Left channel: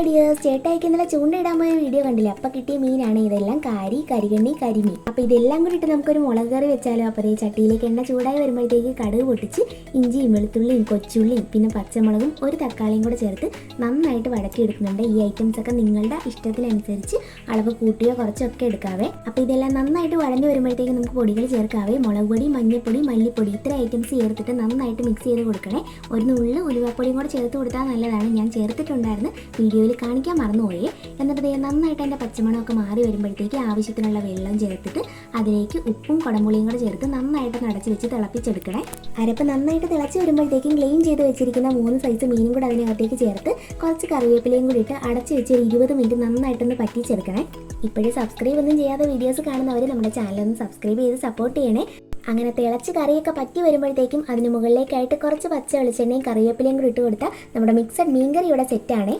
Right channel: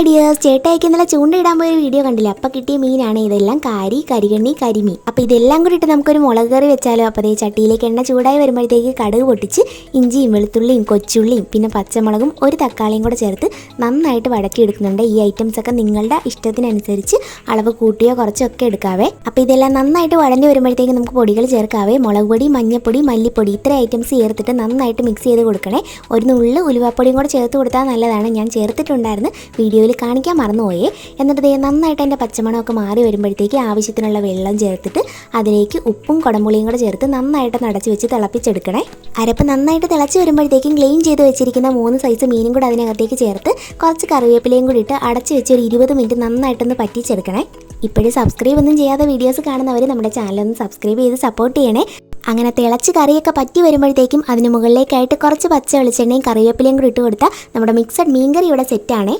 Hi dears, ചേട്ടായിക്ക് ഇന്നലെ ചൂണ്ടയിടാൻ പോയ video കണ്ടില്ല? അപ്പം കിട്ടിയ മീനാണ് ഇതെല്ലാം. കരികണ്ണി, കരിമീൻ. അപ്പോൾ ഇതെല്ലാം കൂടി ഇട്ട് നമുക്കൊരു മുളക് കറി വെച്ചാലോ? അപ്പോൾ അതേ ചട്ടിയിലേക്ക് എണ്ണ ചൂടായി വരുമ്പോഴത്തേക്ക് കടുക് പൊട്ടിച്ച് ഇഞ്ചിയും വെളുത്തുള്ളിയും കൊച്ചുള്ളിയും പിന്നെ പച്ചമുളകും ഒരു തക്കാളിയും കൂടെ ചേർത്ത് നന്നായിട്ട് വഴറ്റിയെടുക്കുന്നുണ്ട്. ഈ ഐറ്റംസൊക്കെ നിങ്ങളുടെ ഇഷ്ടത്തിനനുസരിച്ച് അളവ് കൂട്ടിയോ കുറച്ചോ ഒക്കെ എടുക്കാവേ. അപ്പോൾ ഇതെല്ലാം നന്നായിട്ട് വഴഞ്ഞു വരുമ്പോഴത്തേക്ക് നമുക്ക് പൊടികൾ ചേർക്കാവേ. മുളക് പൊടി, മഞ്ഞൾപ്പൊടി, മല്ലിപ്പൊടി, ഇത്ര ഐറ്റംസ് ചേർത്തിട്ട് നന്നായിട്ട് മിക്സ് ചെയ്ത് കൊടുക്കണേ. ഒരു നുള്ളു ഉലുവാപ്പൊടിയും കൂടെ ചേർത്ത് കൊടുത്താൽ നല്ലതാണ്. ഞാൻ ചേർത്തിട്ടുണ്ടായിരുന്നു, വീഡിയോയിൽ കാണിക്കാൻ മറന്നുപോയേ. എന്നിട്ട് ദേ നന്നായിട്ട് എൻ്റെ പച്ചമണമൊക്കെ മാറി വരുമ്പോഴത്തേക്ക് ആവശ്യത്തിനുള്ള വെള്ളം ചേർത്തിട്ട് അതിലേക്ക് ഉപ്പും കുടംപുളിയും കൂടെ ചേർത്ത് നന്നായിട്ട് അടച്ച് വെച്ച് തിളപ്പിച്ചെടുക്കണേ. അരപ്പ് നന്നായിട്ട് തിളച്ച് വരുമ്പോഴത്തേക്കും ക്ലീൻ ചെയ്ത് വെച്ചിരിക്കുന്ന 3 സൈസ് മീനും കൂടെ അതിനകത്തേക്ക് ചേർത്ത് കുറച്ച് കറിവേപ്പിലയും കൂടി ഇട്ട് അടച്ച് വെച്ച് ഒരു 20 മിനിറ്റ് നന്നായിട്ടൊന്ന് പറ്റിച്ചെടുക്കണേ. ഇപ്പോഴും സബ്സ്ക്രൈബ് ഒന്നും ചെയ്യാതെ വീഡിയോസ് കാണുന്നവർ നമ്മുടെ ചാനലൊന്ന് സബ്സ്ക്രൈബ് ചെയ്ത് സപ്പോർട്ട് ചെയ്യണേ. അങ്ങനെ തിളച്ച് കറിയൊക്കെ പറ്റി വരുമ്പോഴത്തേക്കും അതിന് മുകളിലേക്കായിട്ട് കുറച്ച് പച്ച വെളിച്ചെണ്ണയും കറിവേപ്പിലയും കൂടി ഇട്ട് കൊടുത്താൽ നമ്മുടെ മിക്സഡ് മീൻകറി ഇവിടെ സെറ്റാണേ.